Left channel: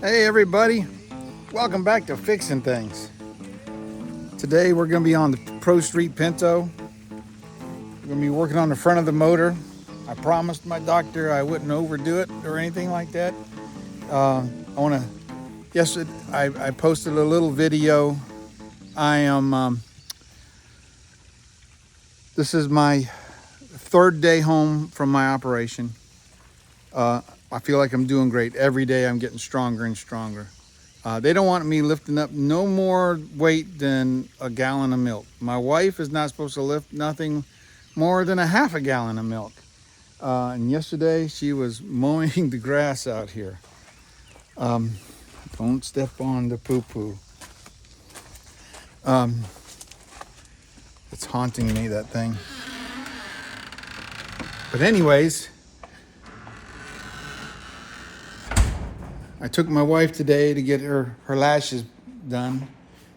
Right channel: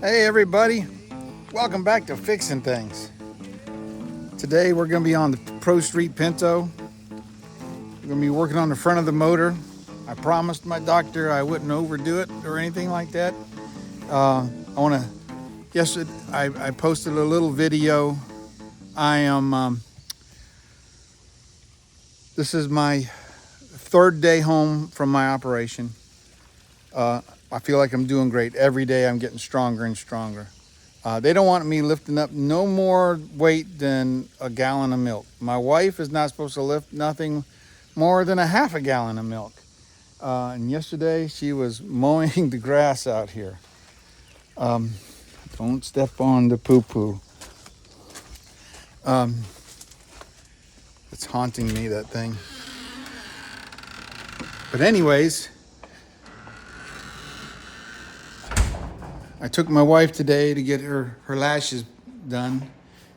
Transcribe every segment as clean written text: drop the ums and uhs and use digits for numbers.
Hey everybody, welcome back to Fixing Things. Today we're going to be on the Pro Street Pinto. We're going to be working on the front of the motor. I promised my doctor I wouldn't overdo it or anything like that. Yesterday I posted a little video. This is my third day home from my operation. I feel like I'm doing great. Every day I'm getting stronger and stronger. They don't want me lifting up no more weight than a gallon of milk. My wife is not supposed to lift nothing more than a half a gallon of milk. And yesterday she was mowing the grass out here. Don't step on the poo-poo. It's haunting me, that thing. But anyways, I took my wife today to get her lashes done,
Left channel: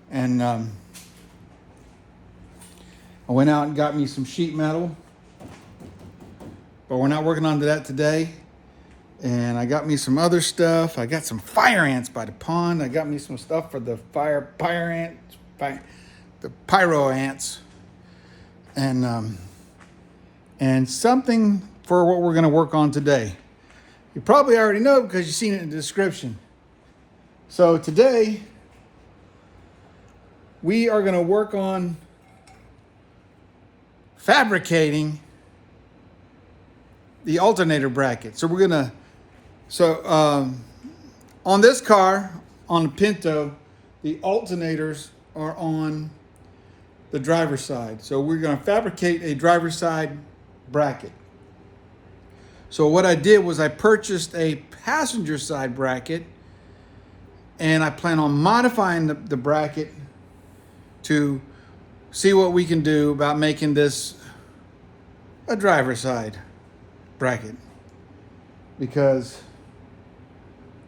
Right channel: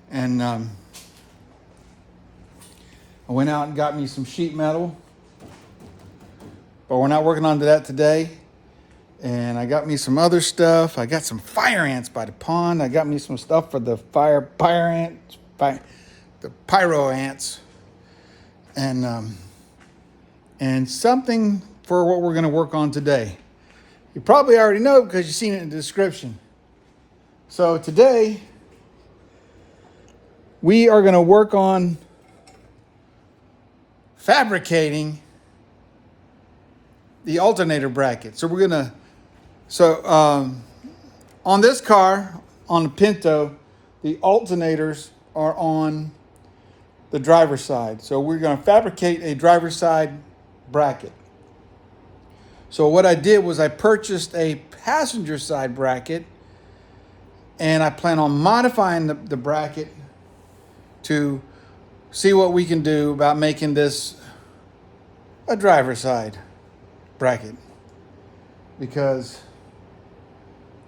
and I went out and got me some sheet metal, but we're not working on that today. And I got me some other stuff. I got some fire ants by the pond. I got me some stuff for the the pyro ants, and something for what we're going to work on today. You probably already know because you've seen it in the description. So today, we are going to work on fabricating the alternator bracket. So on this car, on the Pinto, the alternators are on the driver's side. So we're going to fabricate a driver's side bracket. So what I did was I purchased a passenger side bracket, and I plan on modifying the bracket to see what we can do about making this a driver's side bracket, because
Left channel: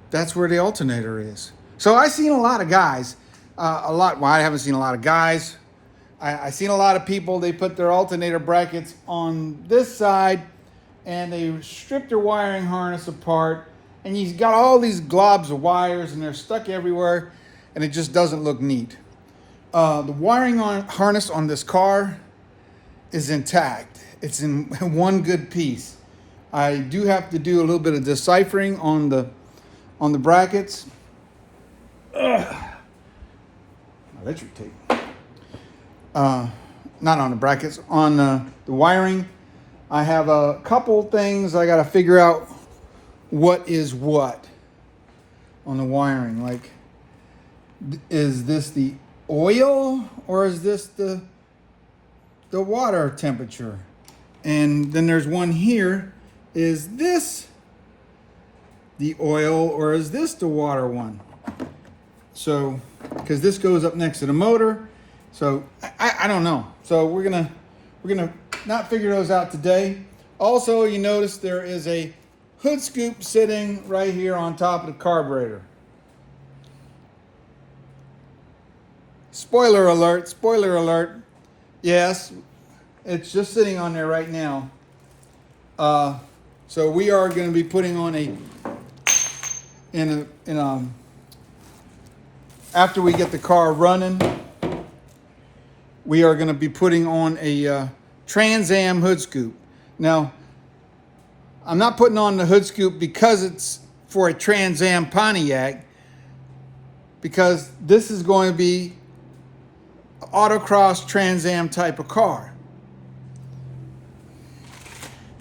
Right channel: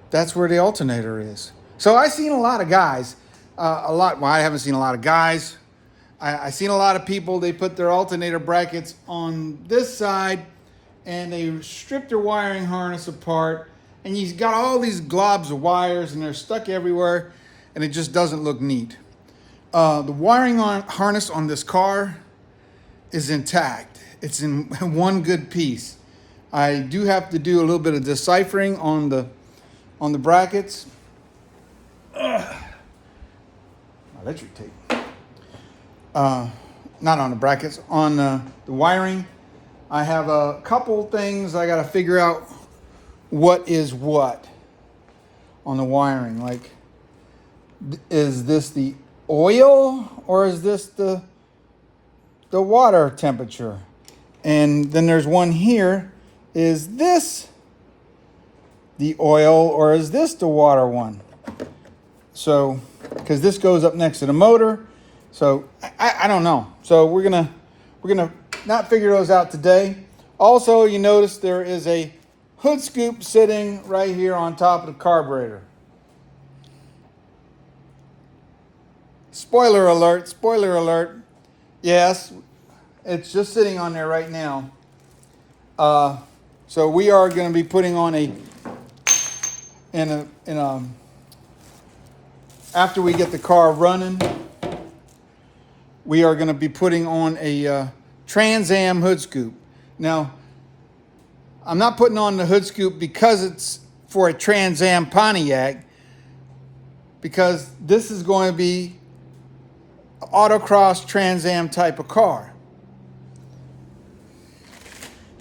that's where the alternator is. So I've seen a lot of guys, well, I haven't seen a lot of guys. I've seen a lot of people, they put their alternator brackets on this side and they strip their wiring harness apart, and you've got all these globs of wires and they're stuck everywhere, and it just doesn't look neat. The wiring harness on this car is intact. It's in one good piece. I do have to do a little bit of deciphering on the brackets. My electric tape. Not on the brackets, on the wiring. I have a couple things I got to figure out what is what on the wiring. Like, is this the oil or is this the water temperature? And then there's one here. Is this the oil or is this the water one? So, because this goes up next to the motor. So I don't know. So we're gonna not figure those out today. Also, you notice there is a hood scoop sitting right here on top of the carburetor. Spoiler alert, spoiler alert. Yes, it's just sitting on there right now. So we are going to be putting on after we get the car running, we are going to be putting on a Trans Am hood scoop. Now, I'm not putting on the hood scoop because it's for a Trans Am Pontiac, because this is going to be autocross Trans Am type of car.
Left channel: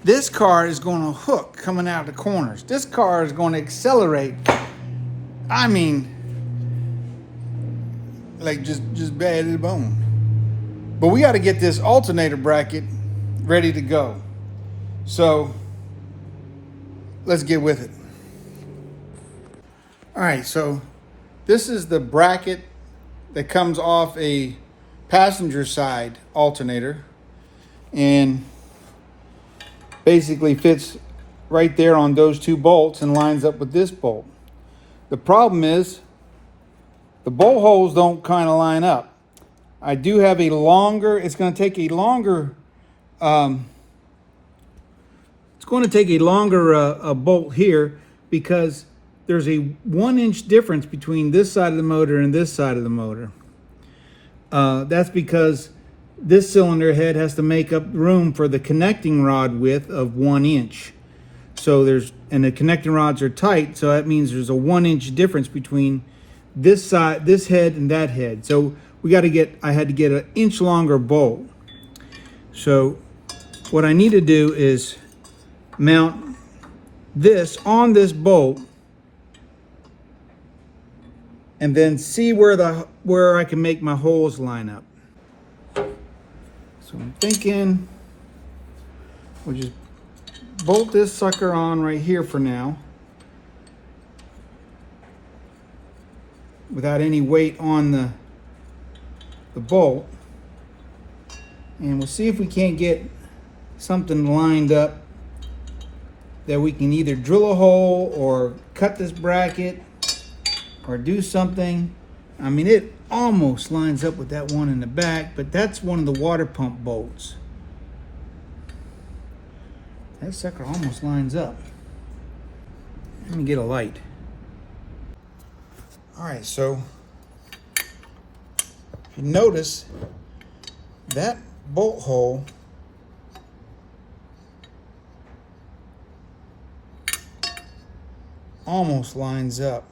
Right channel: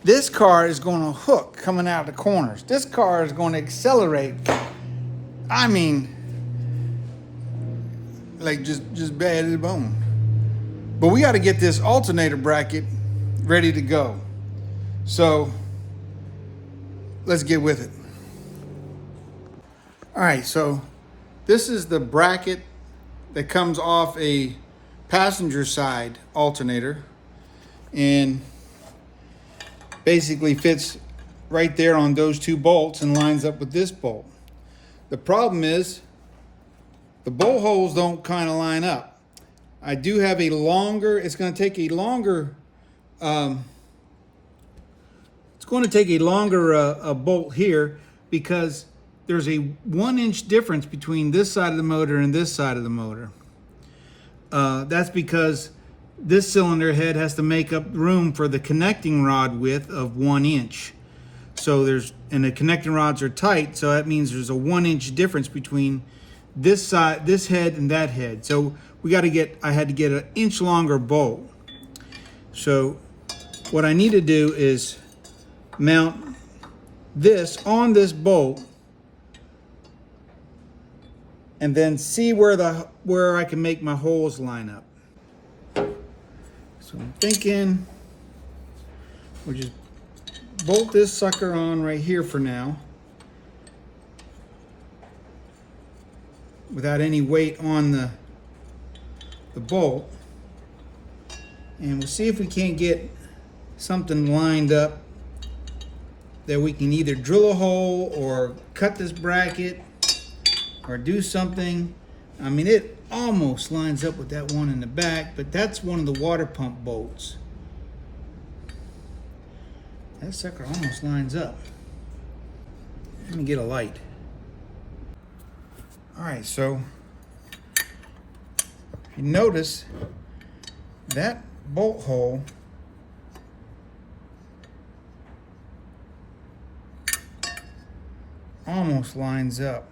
This car is going to hook coming out of the corners. This car is going to accelerate. I mean, like just bad as a bone. But we got to get this alternator bracket ready to go. So let's get with it. All right, so this is the bracket that comes off a passenger side alternator and basically fits right there on those two bolts and lines up with this bolt. The problem is the bolt holes don't kind of line up. I do have a longer, it's going to take a longer bolt here, because there's a 1-inch difference between this side of the motor and this side of the motor. That's because this cylinder head has to make up room for the connecting rod width of 1 inch. So and the connecting rods are tight, so that means there's a 1-inch difference between this side, this head, and that head. So I had to get an inch longer bolt. So what I need to do is mount this on this bolt and then see where I can make my holes line up. So I'm thinking we'll just bolt this sucker on right here for now without any weight on the bolt, and we'll see if we can't get something lined up that we can either drill a hole or cut this bracket or do something. I mean, it almost lines up with that one in the back, but that's one of the water pump bolts. That sucker almost lines up. Let me get a light. All right, so you notice that bolt hole almost lines up.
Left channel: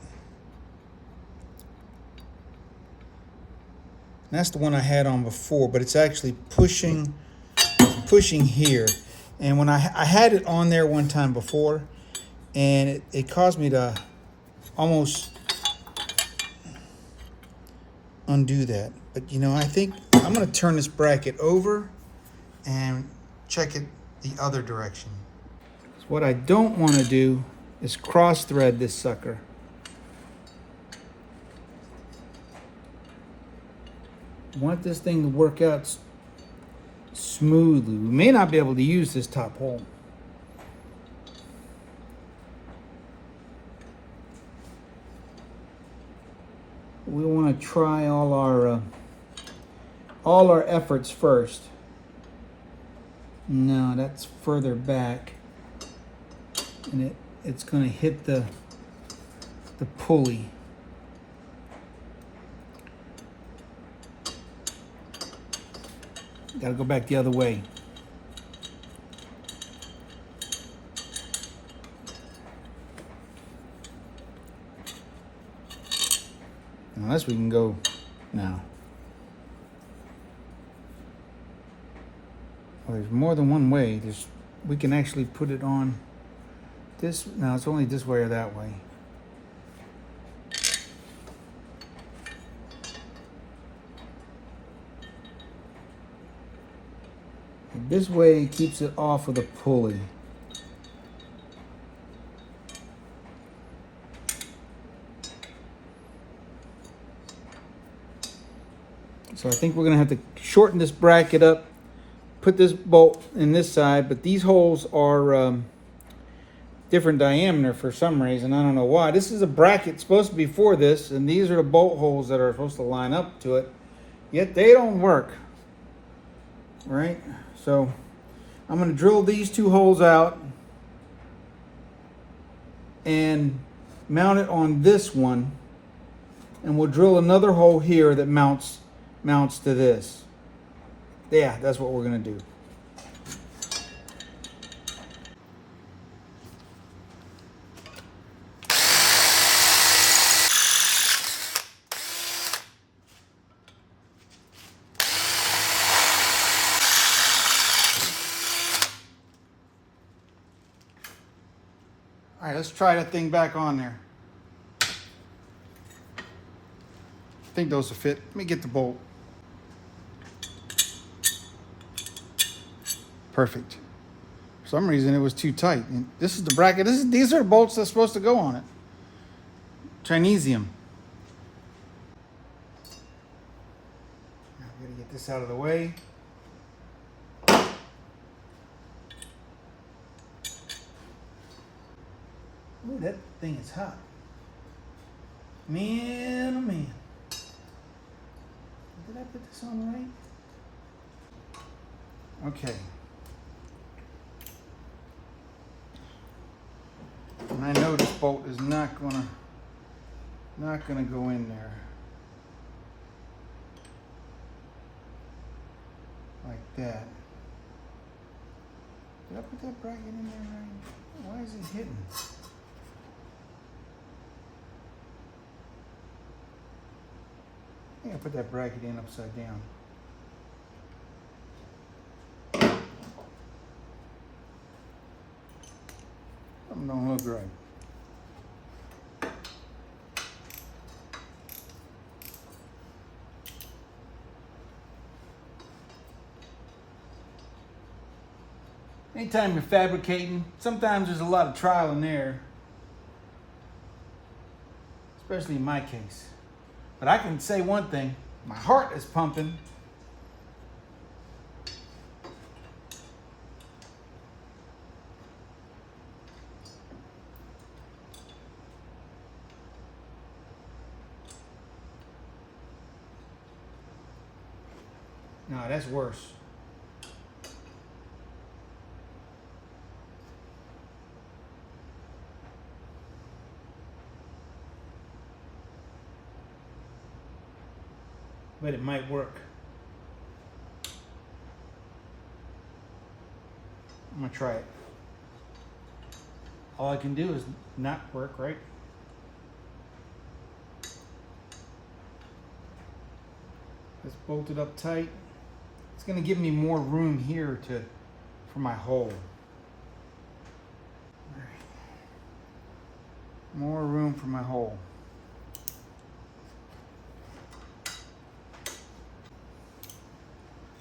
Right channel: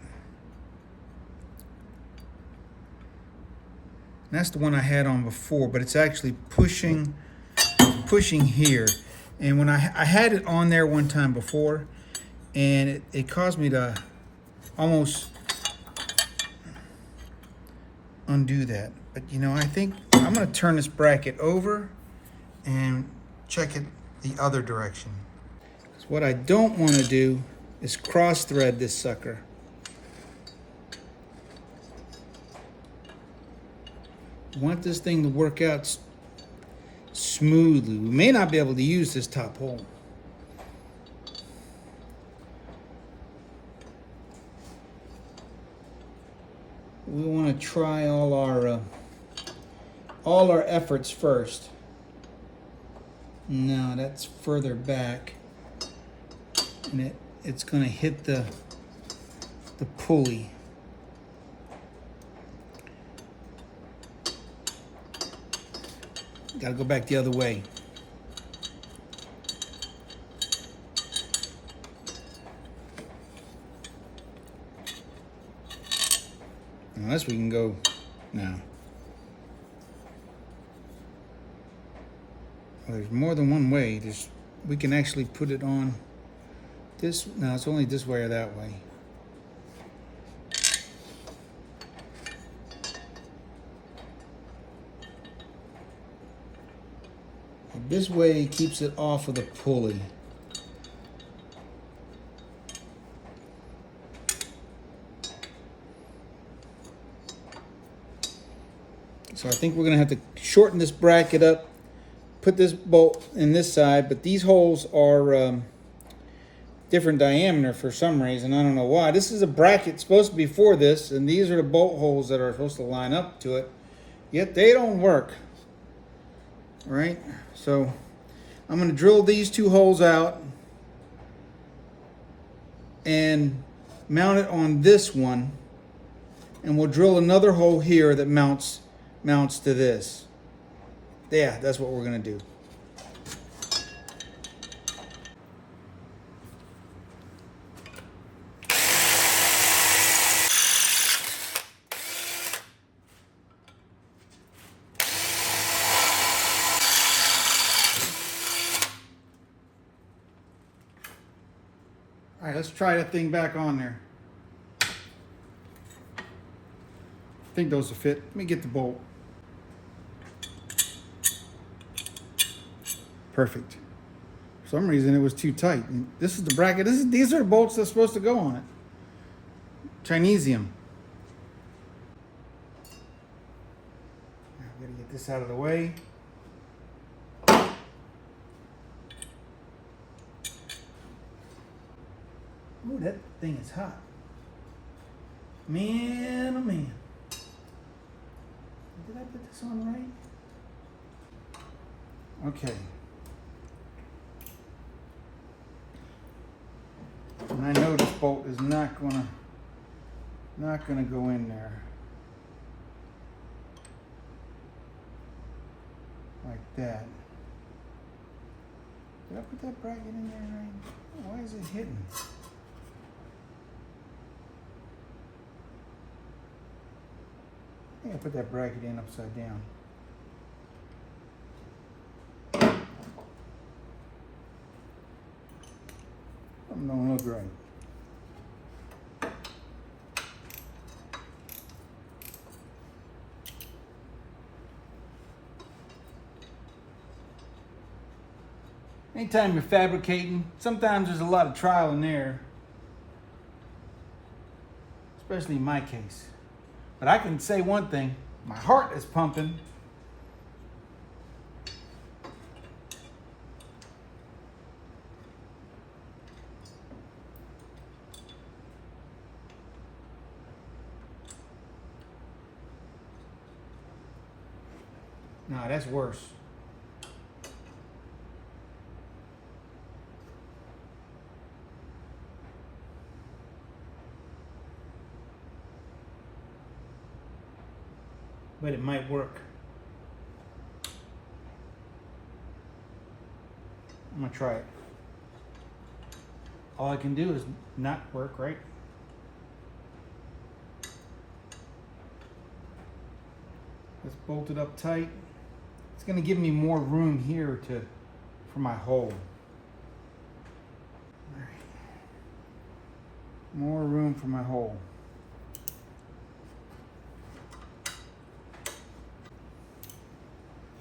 That's the one I had on before, but it's actually pushing here. And when I had it on there one time before, and it caused me to almost undo that. But you know, I think I'm gonna turn this bracket over and check it the other direction. So what I don't wanna do is cross thread this sucker. I want this thing to work out smoothly. We may not be able to use this top hole. We want to try all our efforts first. No, that's further back, and it's going to hit the pulley. Got to go back the other way. Unless we can go now. Well, there's more than one way. We can actually put it on this. No, it's only this way or that way. This way keeps it off of the pulley. So I think we're going to have to shorten this bracket up, put this bolt in this side, but these holes are different diameter for some reason. I don't know why. This is a bracket supposed to be for this, and these are the bolt holes that are supposed to line up to it, yet they don't work. Right? So I'm going to drill these two holes out and mount it on this one, and we'll drill another hole here that mounts to this. Yeah, that's what we're going to do. All right, let's try that thing back on there. I think those will fit. Let me get the bolt. Perfect. For some reason it was too tight. And this is the bracket. These are the bolts that's supposed to go on it. Chinesium. Now I'm gonna get this out of the way. Ooh, that thing is hot. Man, oh man. Did I put this on right? Okay. And I know this bolt is not gonna go in there. Like that. Did I put that bracket in there right? Why is it hitting? I think I put that bracket in upside down. Something don't look right. Anytime you're fabricating, sometimes there's a lot of trial and error, especially in my case. But I can say one thing, my heart is pumping. No, that's worse. But it might work. I'm gonna try it. All I can do is not work, right? Let's bolt it up tight. It's gonna give me more room here for my hole. All right. More room for my hole.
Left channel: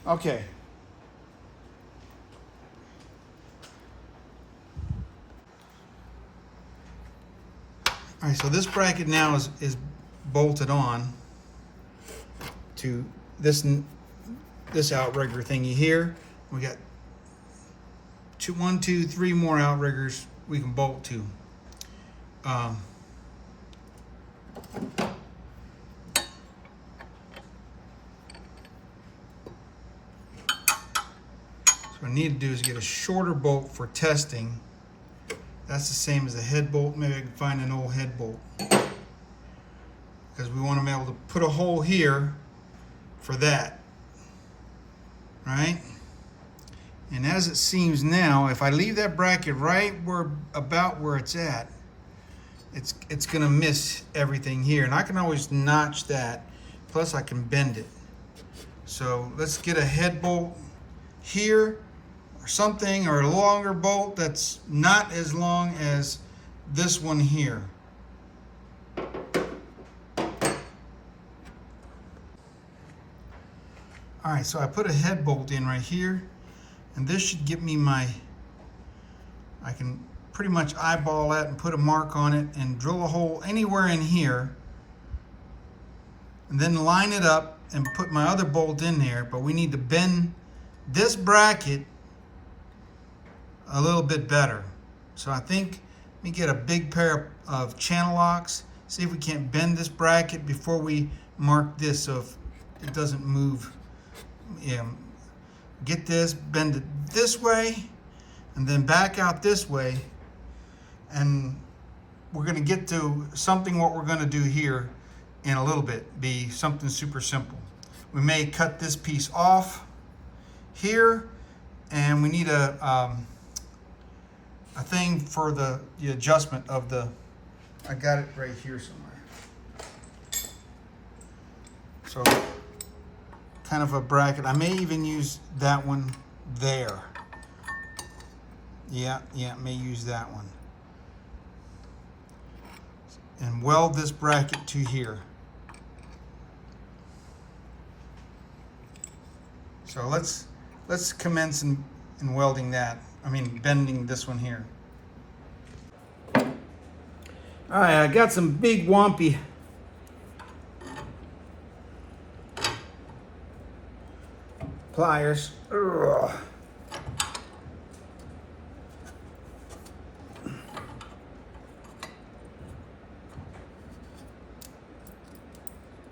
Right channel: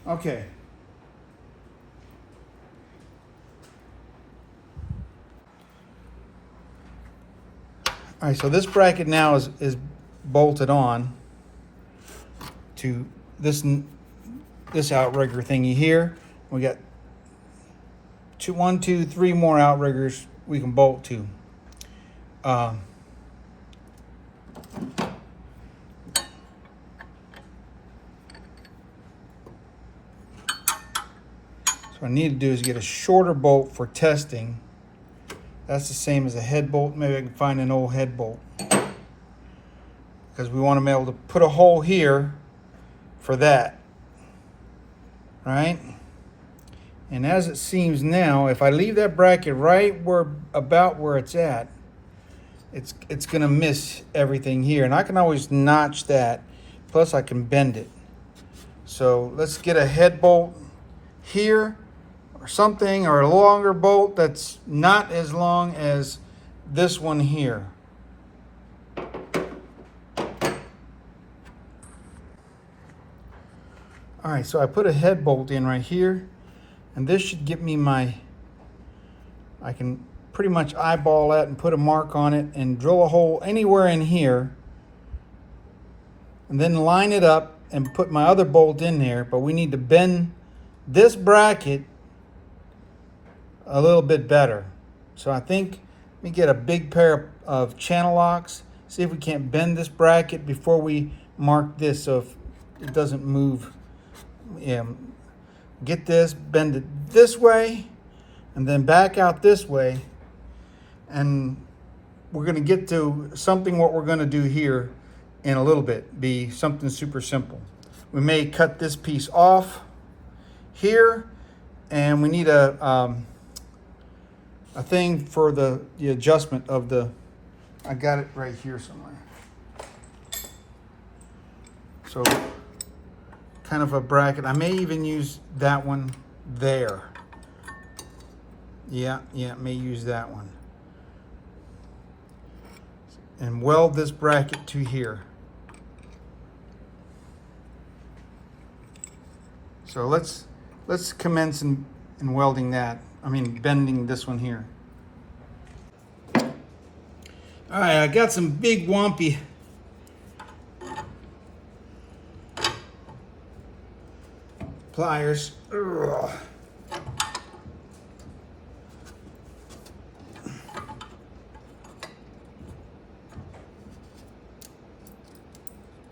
Okay. All right, so this bracket now is bolted on to this outrigger thingy here. We got 1, 2, 3 more outriggers we can bolt to. What I need to do is get a shorter bolt for testing. That's the same as a head bolt. Maybe I can find an old head bolt. Because we want to be able to put a hole here for that. Right? And as it seems now, if I leave that bracket right about where it's at, it's gonna miss everything here. And I can always notch that. Plus I can bend it. So let's get a head bolt here, or something, or a longer bolt that's not as long as this one here. All right, so I put a head bolt in right here, and this should get me I can pretty much eyeball that and put a mark on it and drill a hole anywhere in here, and then line it up and put my other bolt in there. But we need to bend this bracket a little bit better. So I think let me get a big pair of channel locks, see if we can't bend this bracket before we mark this, so if it doesn't move. Yeah, get this, bend it this way, and then back out this way, and we're going to get to something. What we're going to do here in a little bit be something super simple. We may cut this piece off here, and we need a thing for the adjustment of the, I got it right here somewhere. So kind of a bracket. I may even use that one there. Yeah, may use that one. And weld this bracket to here. So let's commence in welding that. I mean, bending this one here. All right, I got some big wompy pliers. Ugh.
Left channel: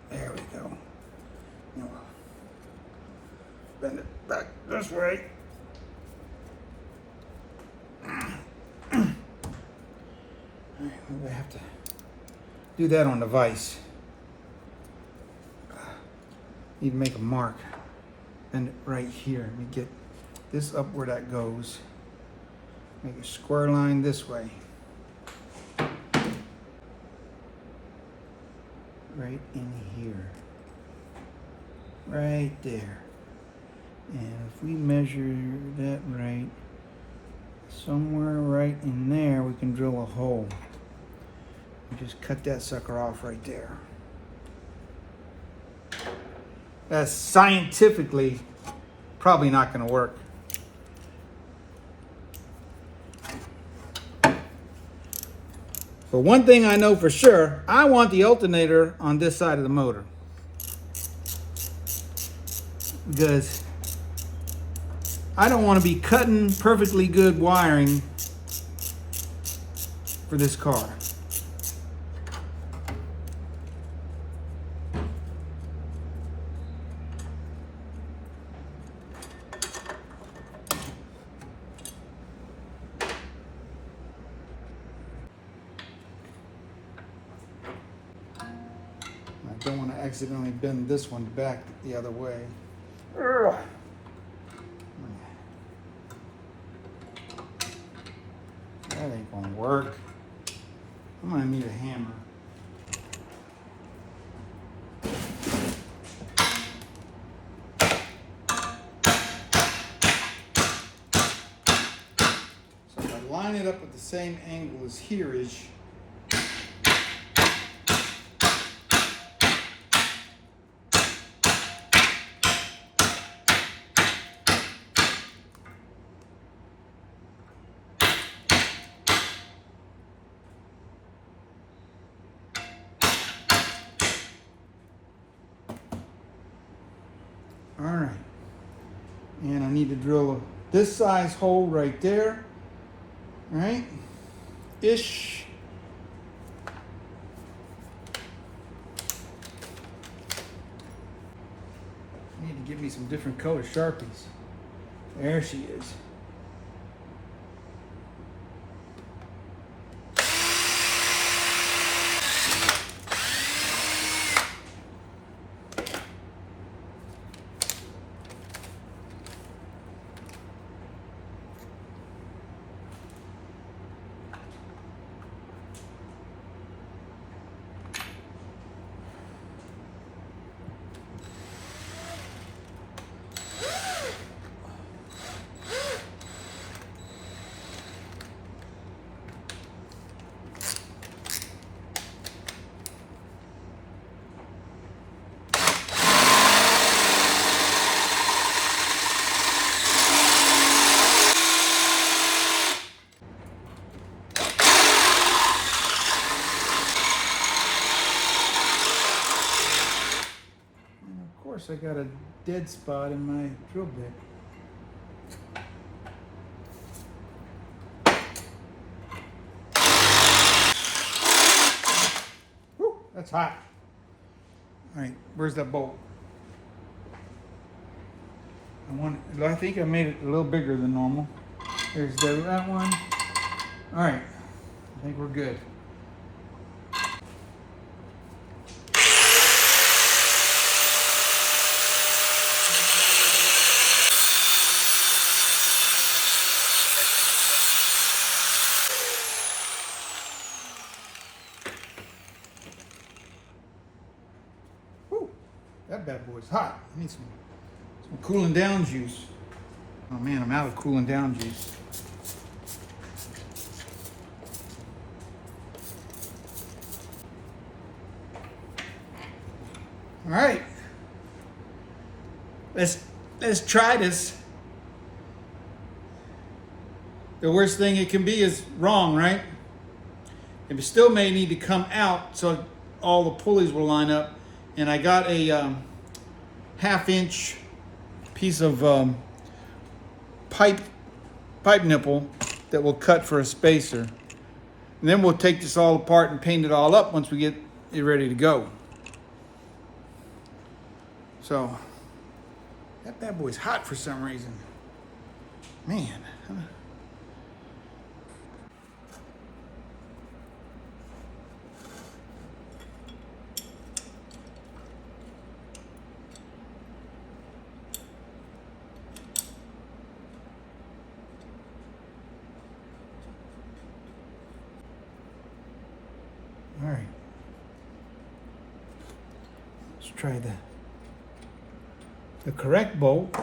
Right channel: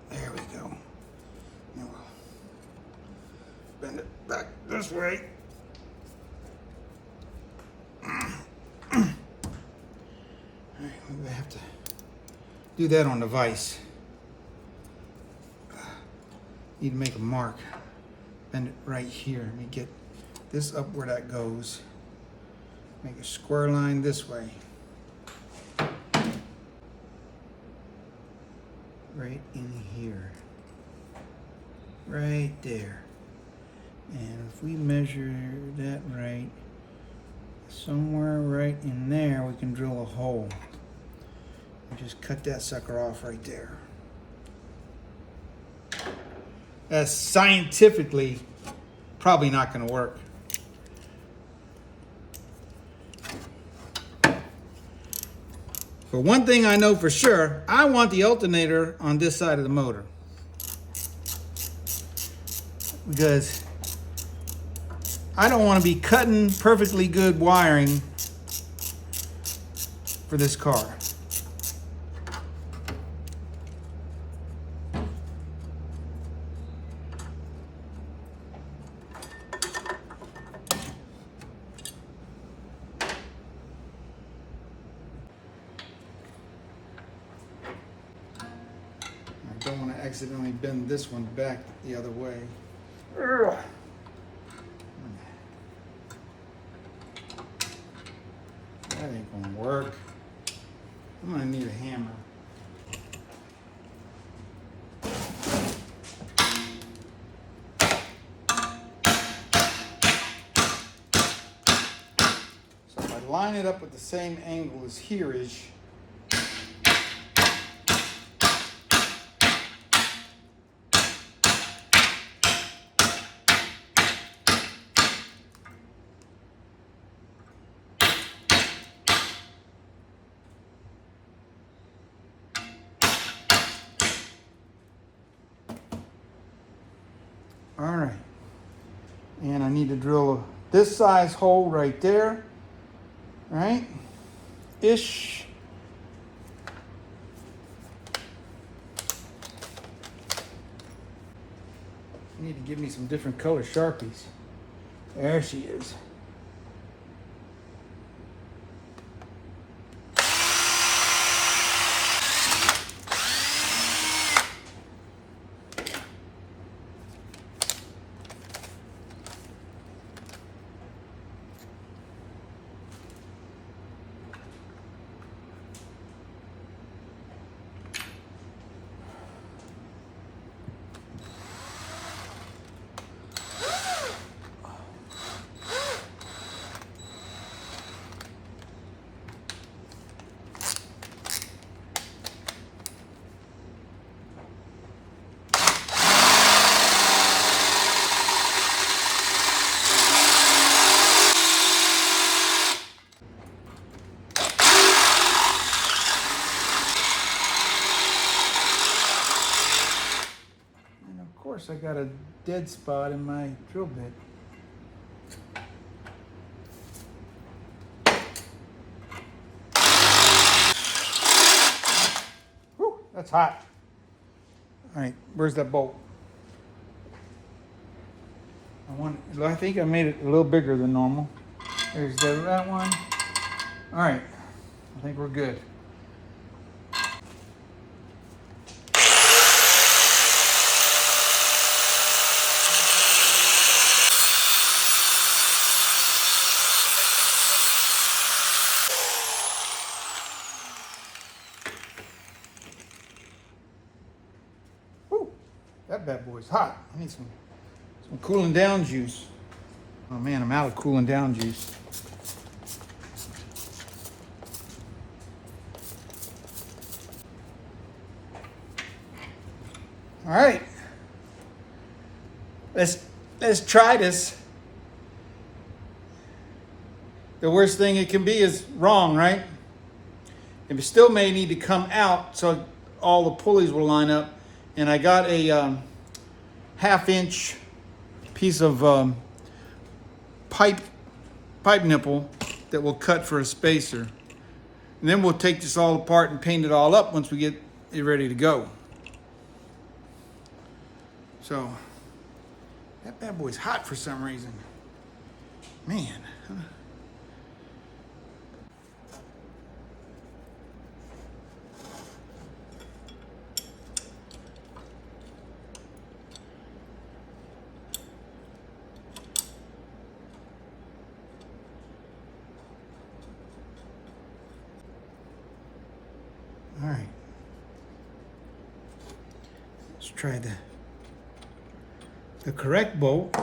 There we go. Now we'll bend it back this way. do that on the vise. Need to make a mark. Bend it right here. Let me get this up where that goes. Make a square line this way. Right in here. Right there. And if we measure that right, somewhere right in there, we can drill a hole. And just cut that sucker off right there. That's scientifically probably not going to work. But one thing I know for sure, I want the alternator on this side of the motor. Because I don't want to be cutting perfectly good wiring for this car. I don't want to accidentally bend this one back the other way. Ugh. That ain't gonna work. I'm gonna need a hammer. So if I line it up at the same angle as here-ish, all right, and I need to drill this size hole right there, right, ish. Need to give me some different color Sharpies. There she is. I got a dead spot in my drill bit. Whew, that's hot. All right, where's that bolt? I think I made it a little bigger than normal. There's that one. All right, I think we're good. That bad boy's hot. I need some cooling down juice. Oh man, I'm out of cooling down juice. All right, let's try this. The worst thing it can be is wrong, right? It still may need to come out so all the pulleys will line up. And I got a 1/2-inch piece of pipe nipple that will cut for a spacer. And then we'll take this all apart and paint it all up once we get it ready to go. So that bad boy's hot for some reason. Man. All right. Let's try the correct bolt.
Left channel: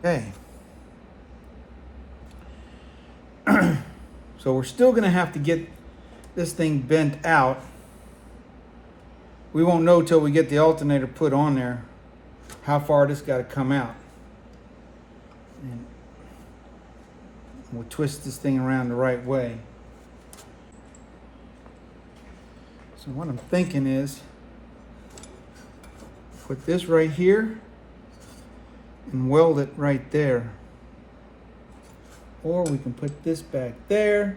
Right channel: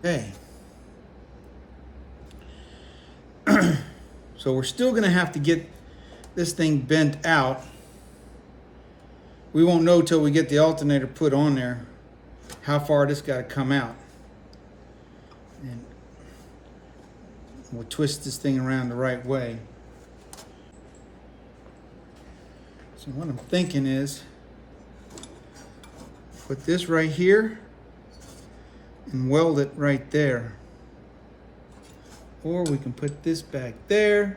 Okay. So we're still going to have to get this thing bent out. We won't know till we get the alternator put on there how far this got to come out. And we'll twist this thing around the right way. So what I'm thinking is put this right here and weld it right there. Or we can put this back there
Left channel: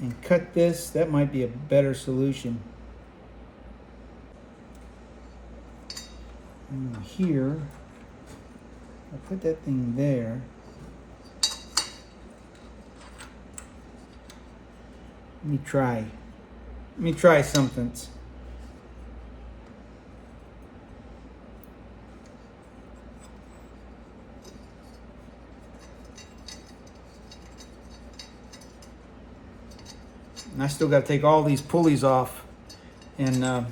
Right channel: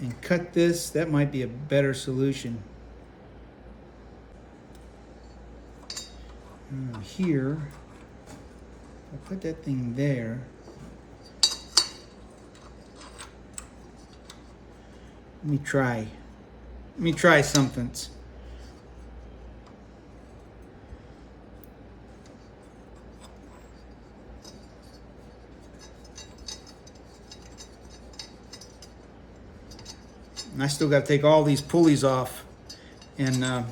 and cut this. That might be a better solution. Here, I'll put that thing there. Let me try something. And I still got to take all these pulleys off and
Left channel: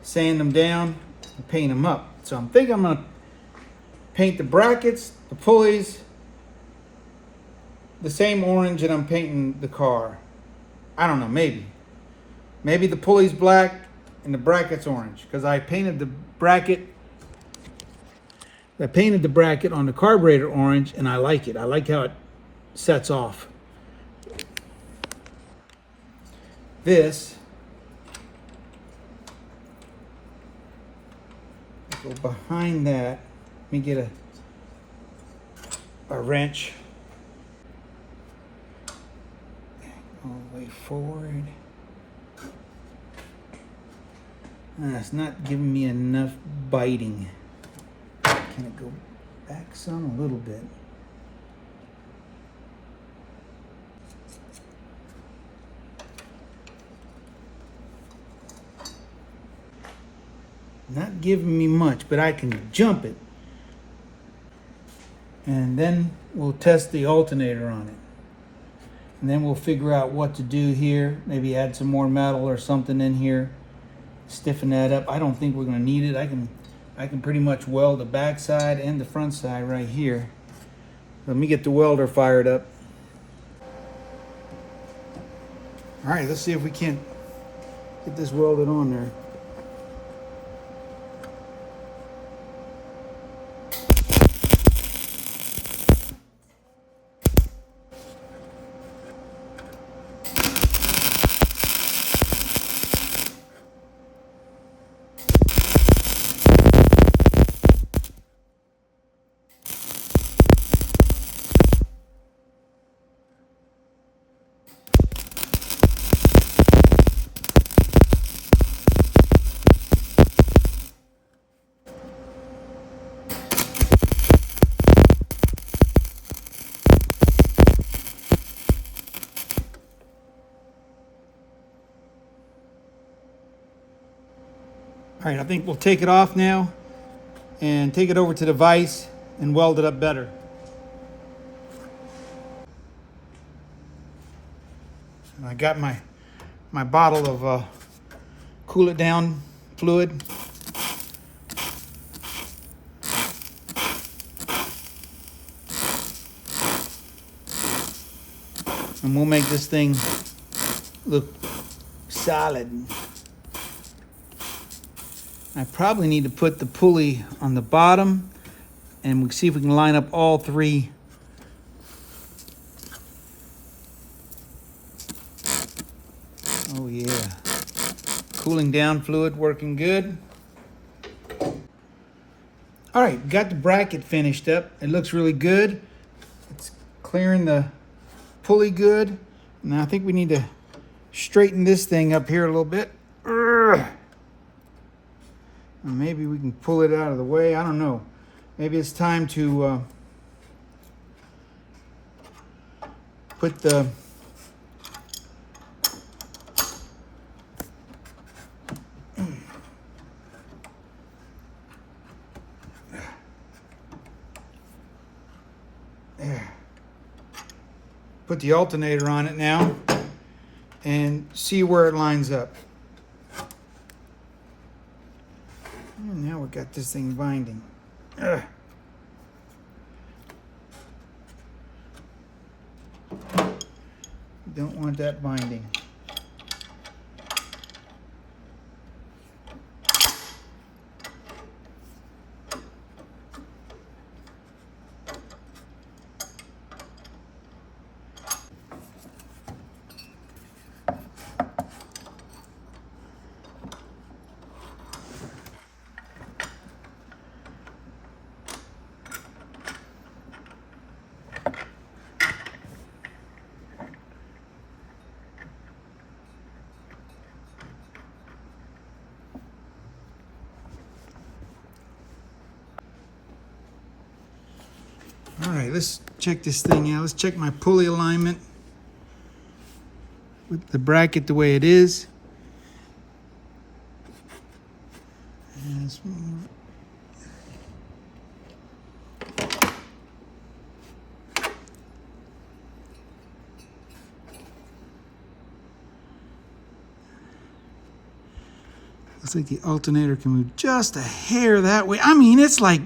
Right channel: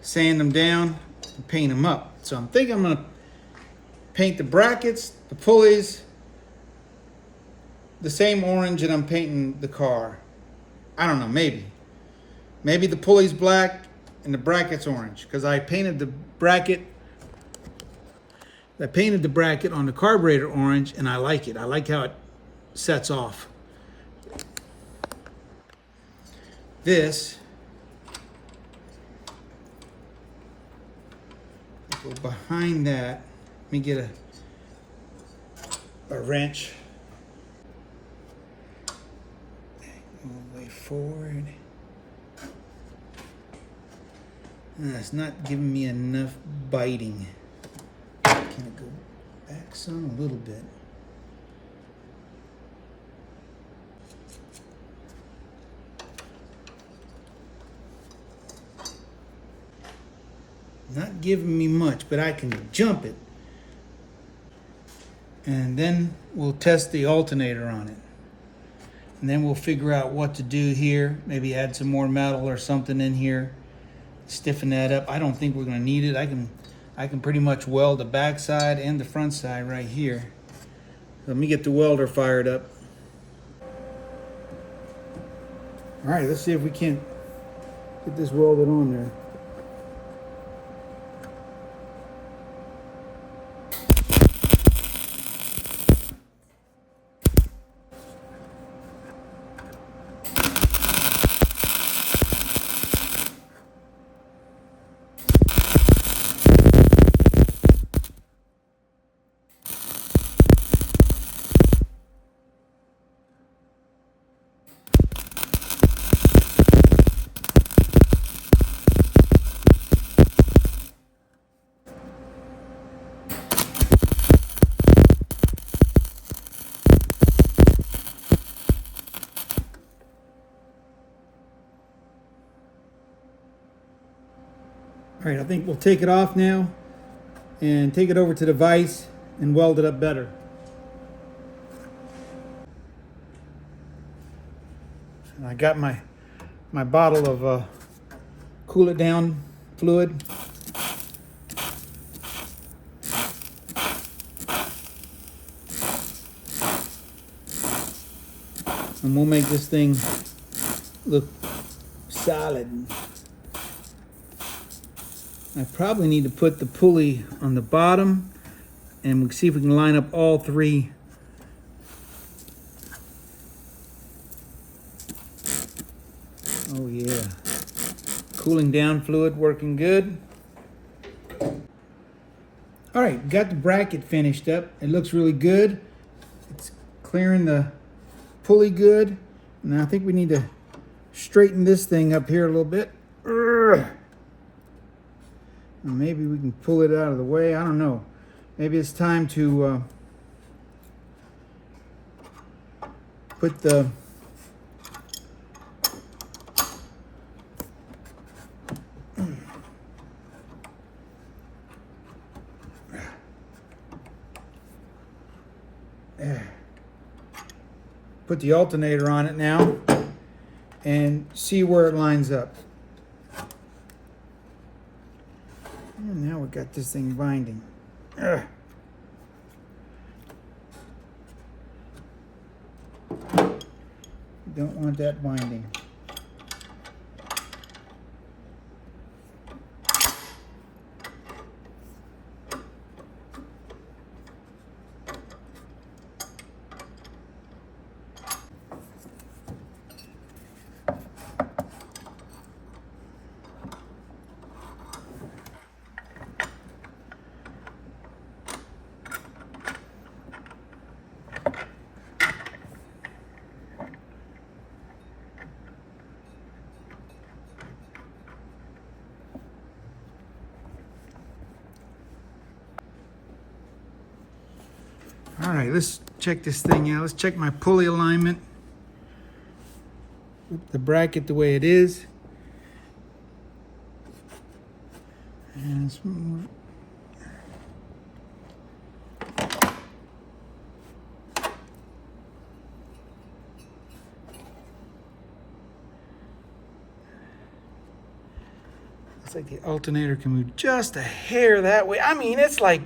sand them down and paint them up. So I'm thinking I'm going to paint the brackets, the pulleys, the same orange that I'm painting the car. I don't know, maybe. Maybe the pulley's black and the bracket's orange, because I painted the bracket on the carburetor orange, and I like it. I like how it sets off. This, go behind that. Let me get a wrench. All the way forward. It's not giving me enough biting. Can it go back some? A little bit. Not giving me much, but I can jump it. And then we'll test the alternator on it. And then we'll figure out what to do here. Maybe add some more metal or something in here. Stiffen that up. I don't think we're going to need it. I can pretty much weld the back side and the front side right here. Let me get the welder fired up. All right, let's see if we can't get this welded on there. All right, I think we'll take it off now and take it over to the vise and weld it up better. And I got my bottle of cool it down fluid. And we'll make this thing look solid. I probably need to put the pulley on the bottom, and we'll see if we can line up all three. Oh yeah. Cooling down fluid working good. All right, got the bracket finished up. It looks really good. It's clearing the pulley good. Now I think we need to straighten this thing up here a little bit. Maybe we can pull it out of the way. I don't know. Maybe it's time to put the put the alternator on it now and see where it lines up. And now we got this thing binding. Ugh. Don't want that binding. All right, let's check this thing out. Let's check my pulley alignment with the bracket the way it is. And let's move. Looks like the alternator can move just a hair that way. I mean, it's like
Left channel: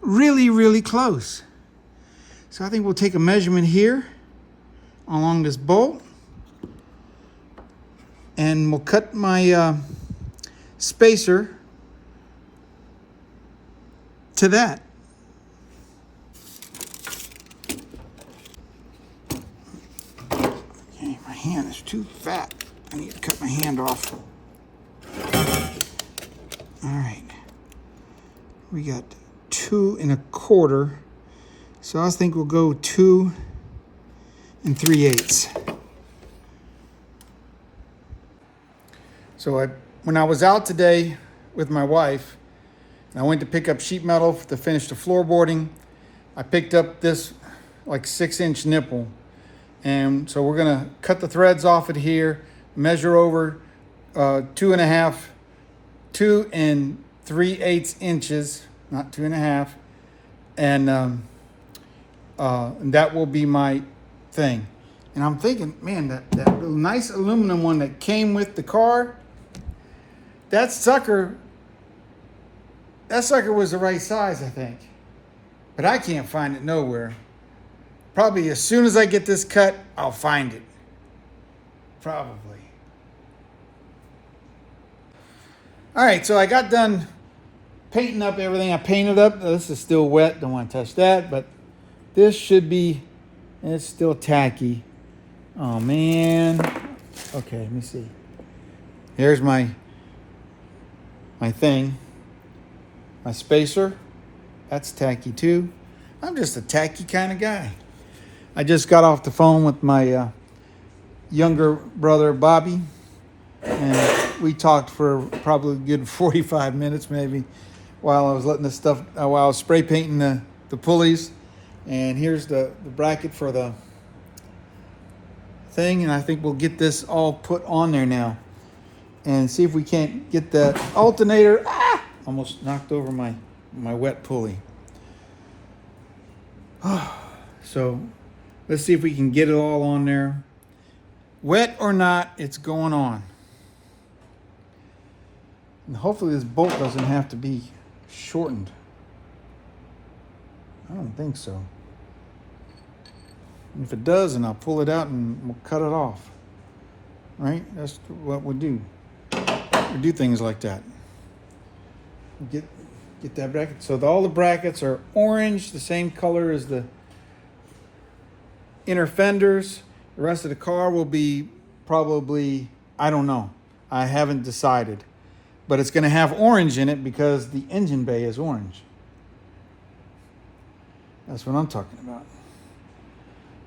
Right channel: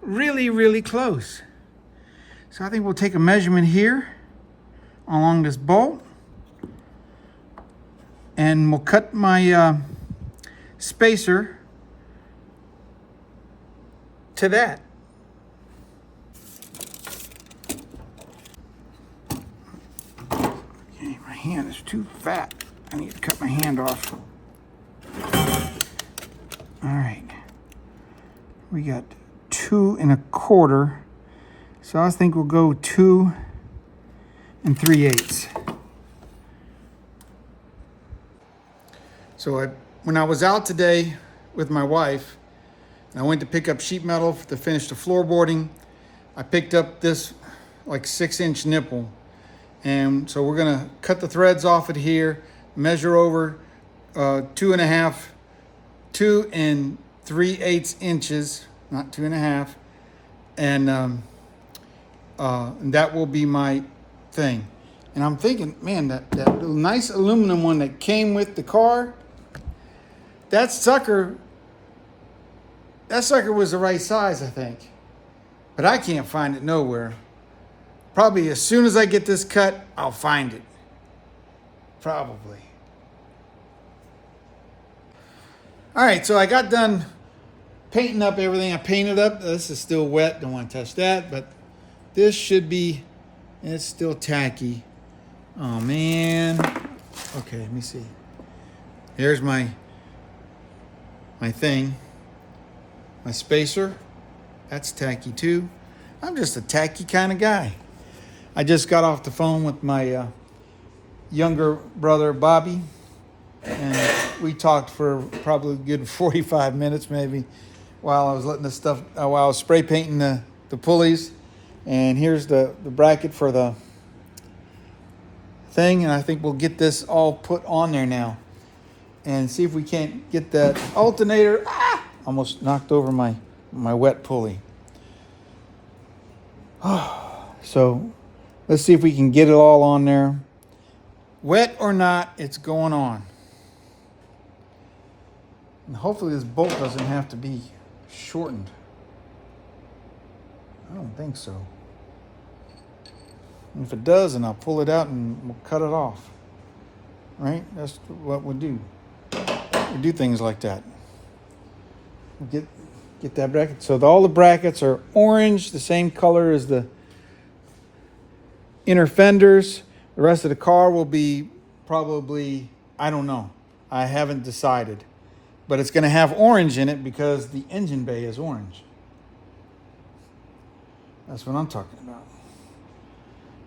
really, really close. So I think we'll take a measurement here along this bolt, and we'll cut my spacer to that. Okay, my hand is too fat. I need to cut my hand off. All right, we got 2 1/4. So I think we'll go 2 3/8. So when I was out today with my wife, and I went to pick up sheet metal to finish the floorboarding, I picked up this like 6-inch nipple. And so we're gonna cut the threads off it here, measure over 2 3/8 inches, not 2 1/2, and that will be my thing. And I'm thinking, man, that little nice aluminum one that came with the car, that sucker was the right size, I think. But I can't find it nowhere. Probably as soon as I get this cut, I'll find it. Probably. All right, so I got done painting up everything. I painted up. This is still wet. Don't want to touch that, but this should be, it's still tacky. Oh man. Okay, let me see. Here's my thing. My spacer. That's tacky too. I'm just a tacky kind of guy. I just got off the phone with my younger brother, Bobby. And we talked for probably a good 45 minutes maybe while I was letting this stuff, while I was spray painting the pulleys. And here's the bracket for the thing, and I think we'll get this all put on there now and see if we can't get that alternator. Almost knocked over my wet pulley. So let's see if we can get it all on there. Wet or not, it's going on. And hopefully this bolt doesn't have to be shortened. I don't think so. If it does, then I'll pull it out and we'll cut it off. Right? That's what we do. We do things like that. Get that bracket. So all the brackets are orange, the same color as the inner fenders. The rest of the car will be probably, I don't know. I haven't decided. But it's going to have orange in it because the engine bay is orange. That's what I'm talking about.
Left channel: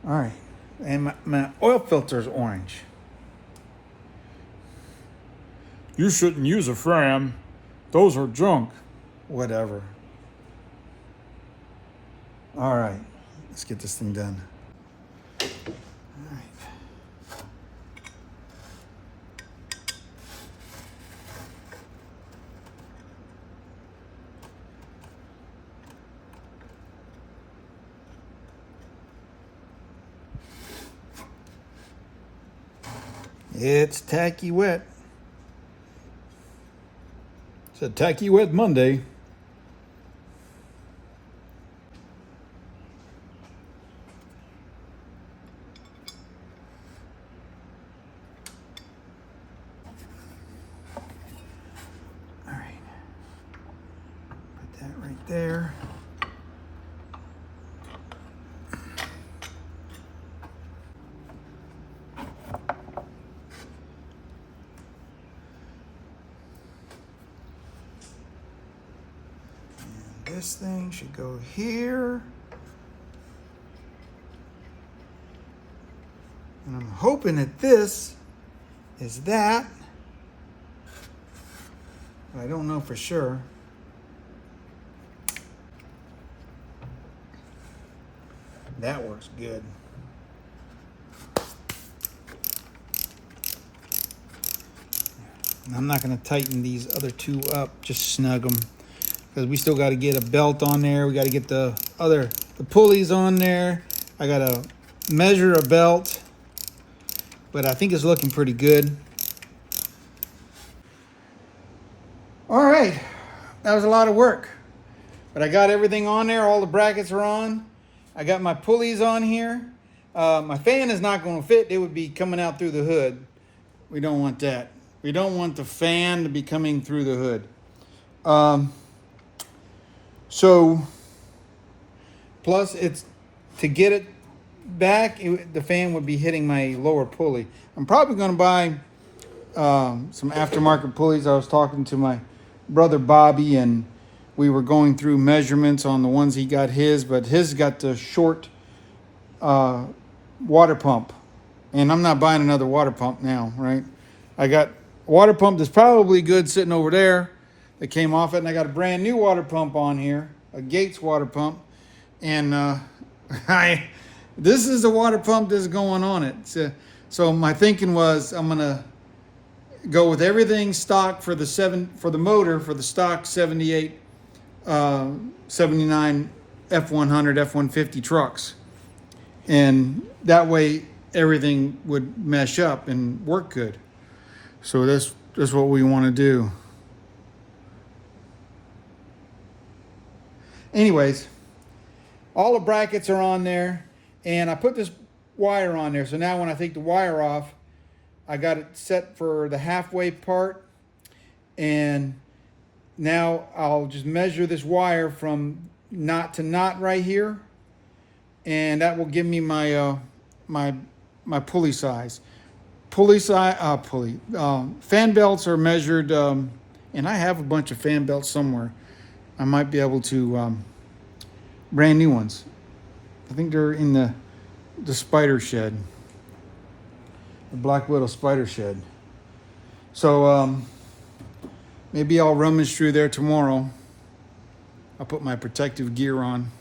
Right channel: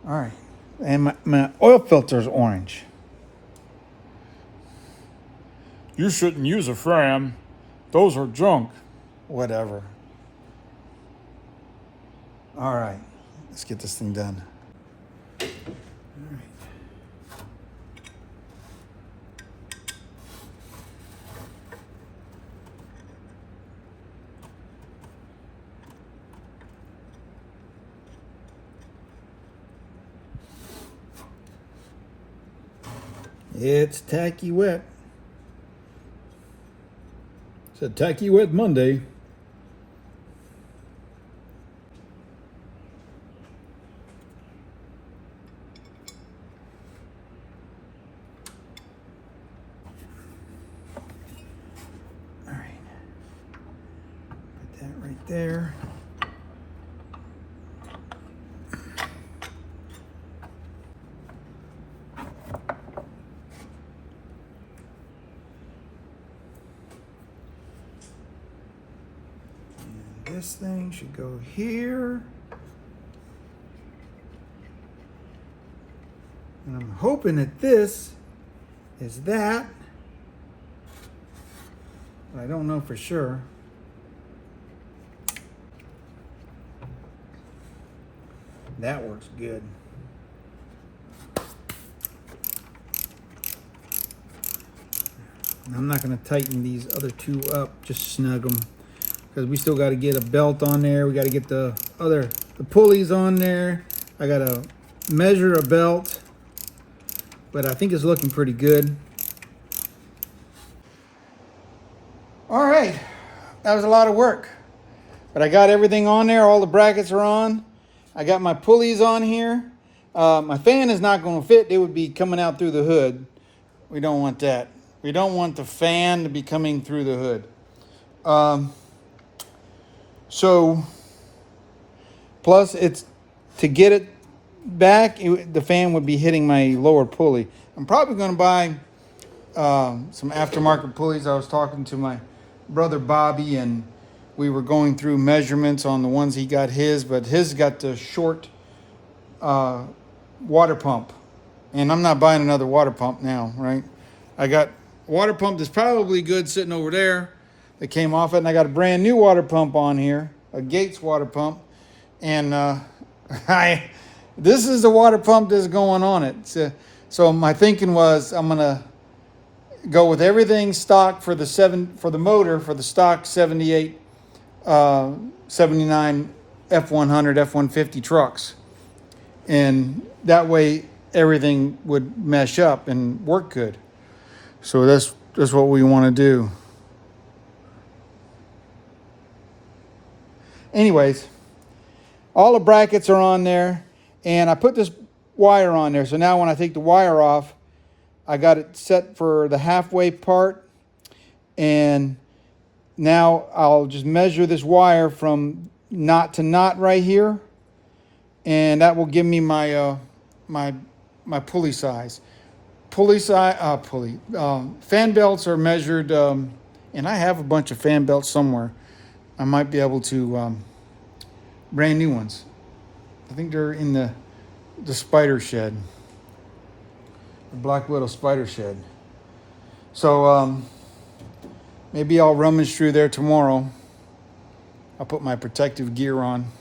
All right. And my oil filter is orange. You shouldn't use a Fram. Those are junk. Whatever. All right. Let's get this thing done. All right. It's tacky wet. It's a tacky wet Monday. All right. Put that right there. This thing should go here. And I'm hoping that this is that. But I don't know for sure. That works good. I'm not going to tighten these other two up, just snug them. Because we still got to get a belt on there. We got to get the pulleys on there. I got to measure a belt. But I think it's looking pretty good. All right. That was a lot of work. But I got everything on there. All the brackets are on. I got my pulleys on here. My fan is not going to fit. It would be coming out through the hood. We don't want that. We don't want the fan to be coming through the hood. So, plus it's to get it back, the fan would be hitting my lower pulley. I'm probably going to buy some aftermarket pulleys. I was talking to my brother Bobby, and we were going through measurements on the ones he got his, but his got the short water pump. And I'm not buying another water pump now, right? I got a water pump that's probably good sitting over there that came off it, and I got a brand new water pump on here, a Gates water pump, and this is the water pump that's going on it. So my thinking was I'm gonna go with everything stock for the motor for the stock 78, 79 F100, F150 trucks, and that way everything would mesh up and work good. So that's what we want to do. Anyways, all the brackets are on there, and I put this wire on there. So now when I take the wire off, I got it set for the halfway part, and now I'll just measure this wire from knot to knot right here, and that will give me my my pulley size. Fan belts are measured, and I have a bunch of fan belts somewhere. I might be able to brand new ones. I think they're in the spider shed, the Black Widow spider shed. So maybe I'll rummage through there tomorrow. I'll put my protective gear on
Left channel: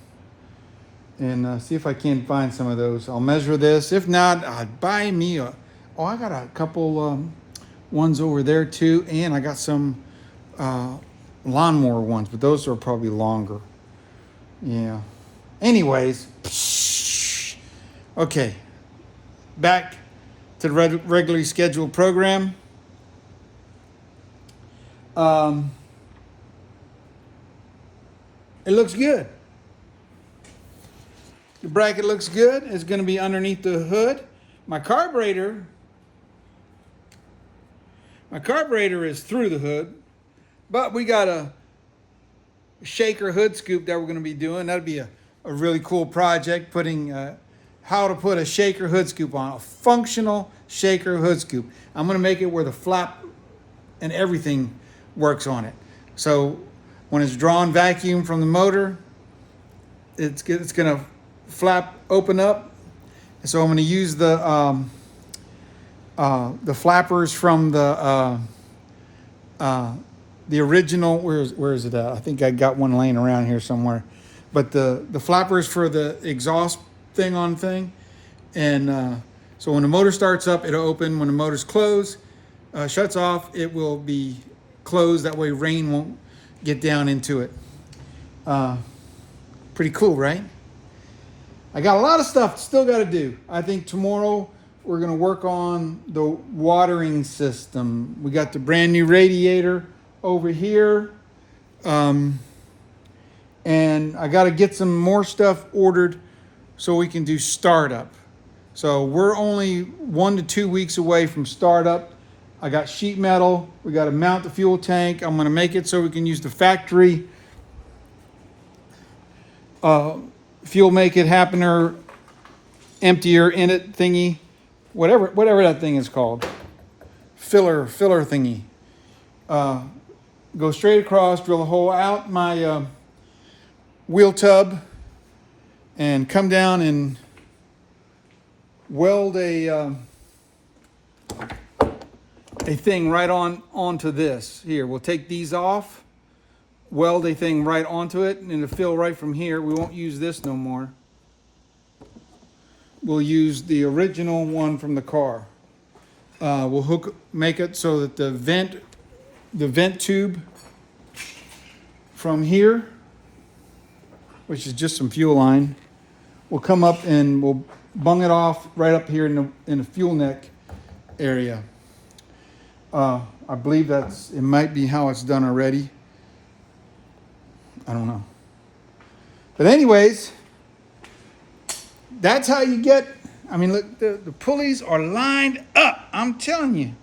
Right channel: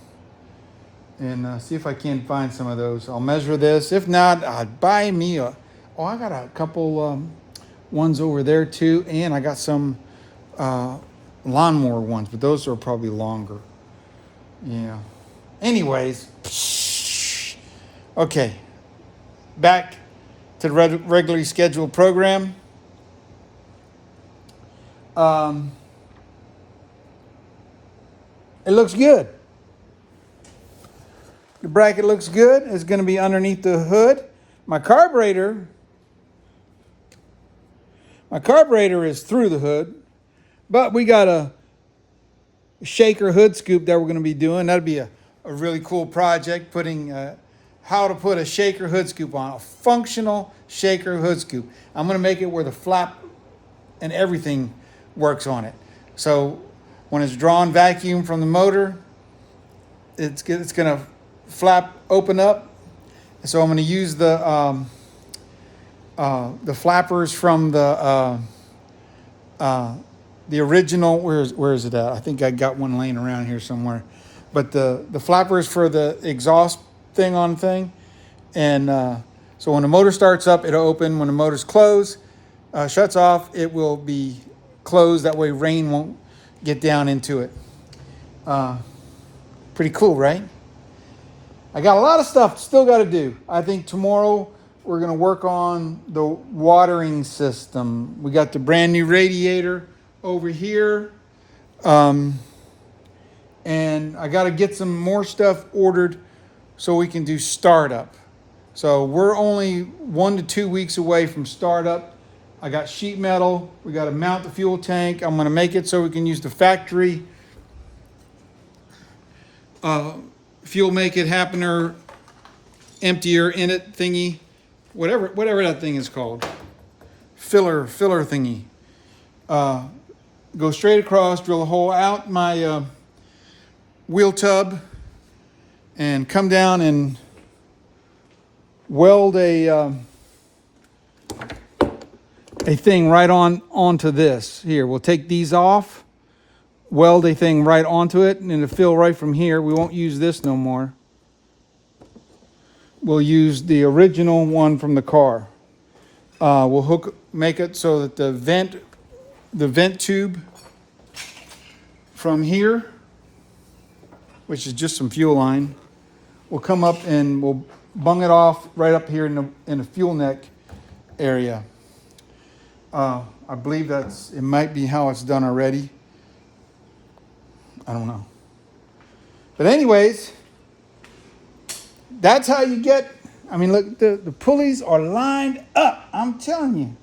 and see if I can find some of those. I'll measure this. If not, I'll buy me I got a couple ones over there too, and I got some lawnmower ones, but those are probably longer. Yeah. Anyways, okay, back to the regularly scheduled program. It looks good. The bracket looks good. It's going to be underneath the hood. My carburetor is through the hood, but we got a shaker hood scoop that we're going to be doing. That'd be a really cool project, putting how to put a shaker hood scoop on, a functional shaker hood scoop. I'm going to make it where the flap and everything works on it. So when it's drawn vacuum from the motor, it's going to flap open up. So I'm going to use the flappers from the original. Where is it at? I think I got one laying around here somewhere. But the flappers for the exhaust thing on thing, and so when the motor starts up, it'll open. When the motor's closed, shuts off, it will be closed. That way rain won't get down into it. Pretty cool, right? I got a lot of stuff still got to do. I think tomorrow we're going to work on the watering system. We got the brand new radiator over here. And I got to get some more stuff ordered so we can do startup. So we're only 1 to 2 weeks away from startup. I got sheet metal. We got to mount the fuel tank. I'm going to make it so we can use the factory fuel make it happener, emptier in it thingy, whatever that thing is called, filler thingy. Go straight across, drill a hole out my wheel tub, and come down and weld a thing right onto this. Here, we'll take these off, weld a thing right onto it, and it'll fill right from here. We won't use this no more. We'll use the original one from the car. We'll make it so that the vent tube from here, which is just some fuel line, will come up and we'll bung it off right up here in the fuel neck area. I believe it might be how it's done already. I don't know. But anyways, that's how you get, I mean, look, the pulleys are lined up. I'm telling you.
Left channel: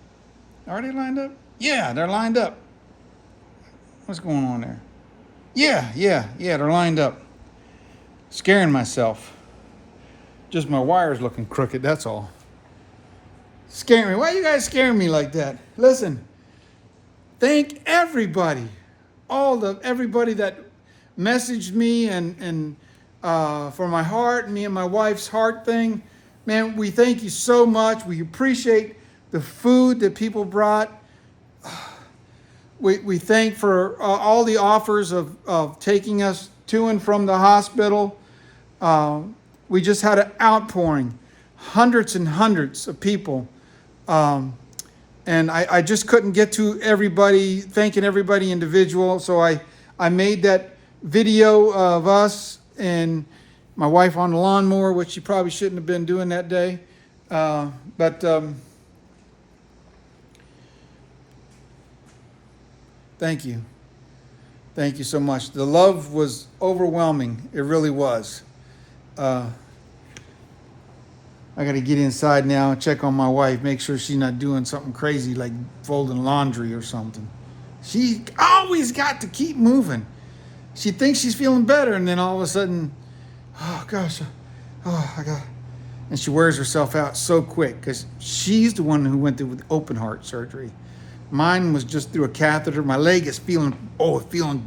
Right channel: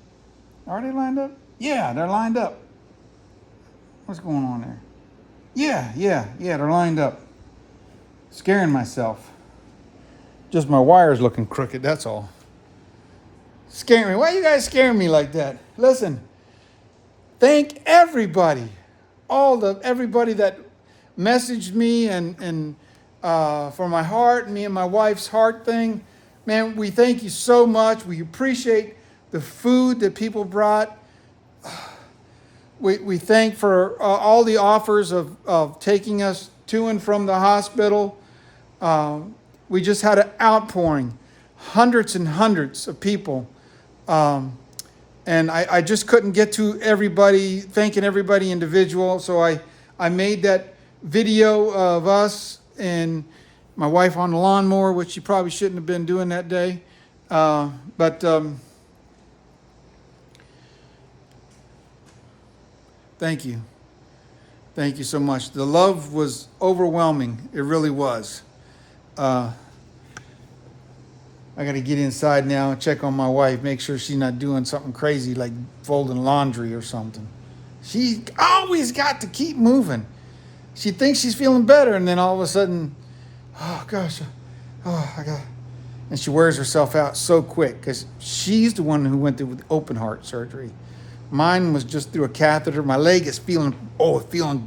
Are they lined up? Yeah, they're lined up. What's going on there? Yeah, they're lined up. Scaring myself. Just my wires looking crooked, that's all. Scaring me. Why are you guys scaring me like that? Listen, thank everybody. Everybody that messaged me and for my heart, me and my wife's heart thing. Man, we thank you so much. We appreciate the food that people brought. We thank for all the offers of taking us to and from the hospital. We just had an outpouring, hundreds and hundreds of people. And I just couldn't get to everybody, thanking everybody individual. So I made that video of us and my wife on the lawnmower, which she probably shouldn't have been doing that day. But thank you. Thank you so much. The love was overwhelming. It really was. I got to get inside now and check on my wife, make sure she's not doing something crazy like folding laundry or something. She always got to keep moving. She thinks she's feeling better, and then all of a sudden, oh gosh, and she wears herself out so quick because she's the one who went through open heart surgery. Mine was just through a catheter. My leg is feeling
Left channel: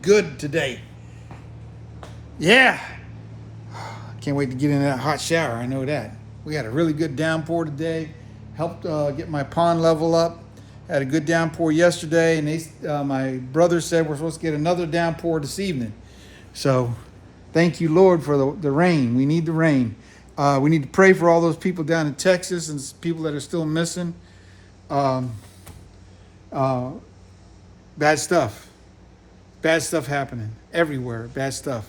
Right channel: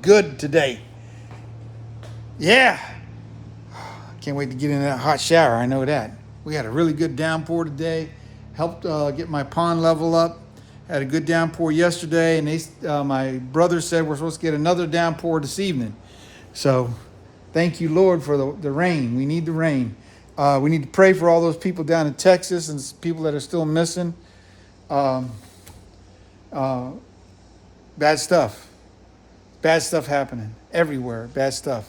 good today. Yeah. Can't wait to get in that hot shower. I know that. We had a really good downpour today. Helped get my pond level up. Had a good downpour yesterday, and my brother said we're supposed to get another downpour this evening. So thank you, Lord, for the rain. We need the rain. We need to pray for all those people down in Texas and people that are still missing. Bad stuff. Bad stuff happening everywhere. Bad stuff.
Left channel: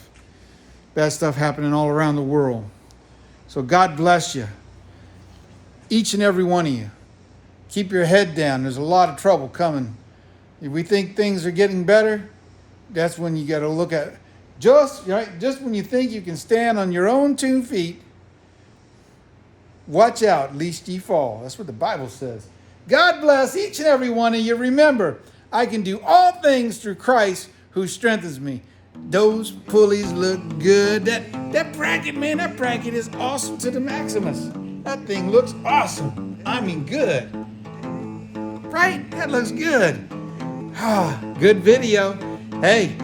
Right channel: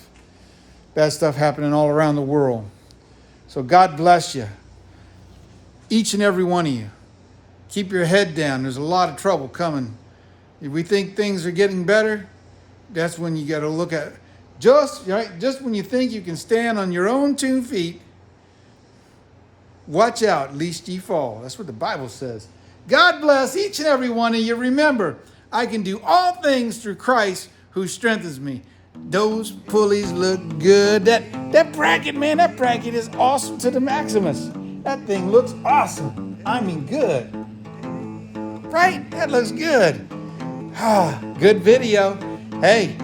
Bad stuff happening all around the world. So God bless you. Each and every one of you. Keep your head down. There's a lot of trouble coming. If we think things are getting better, that's when you got to look at just when you think you can stand on your own 2 feet, watch out, lest ye fall. That's what the Bible says. God bless each and every one of you. Remember, I can do all things through Christ who strengthens me. Those pulleys look good. That bracket, man, that bracket is awesome to the Maximus. That thing looks awesome. I mean, good. Right? That looks good. Good video. Hey,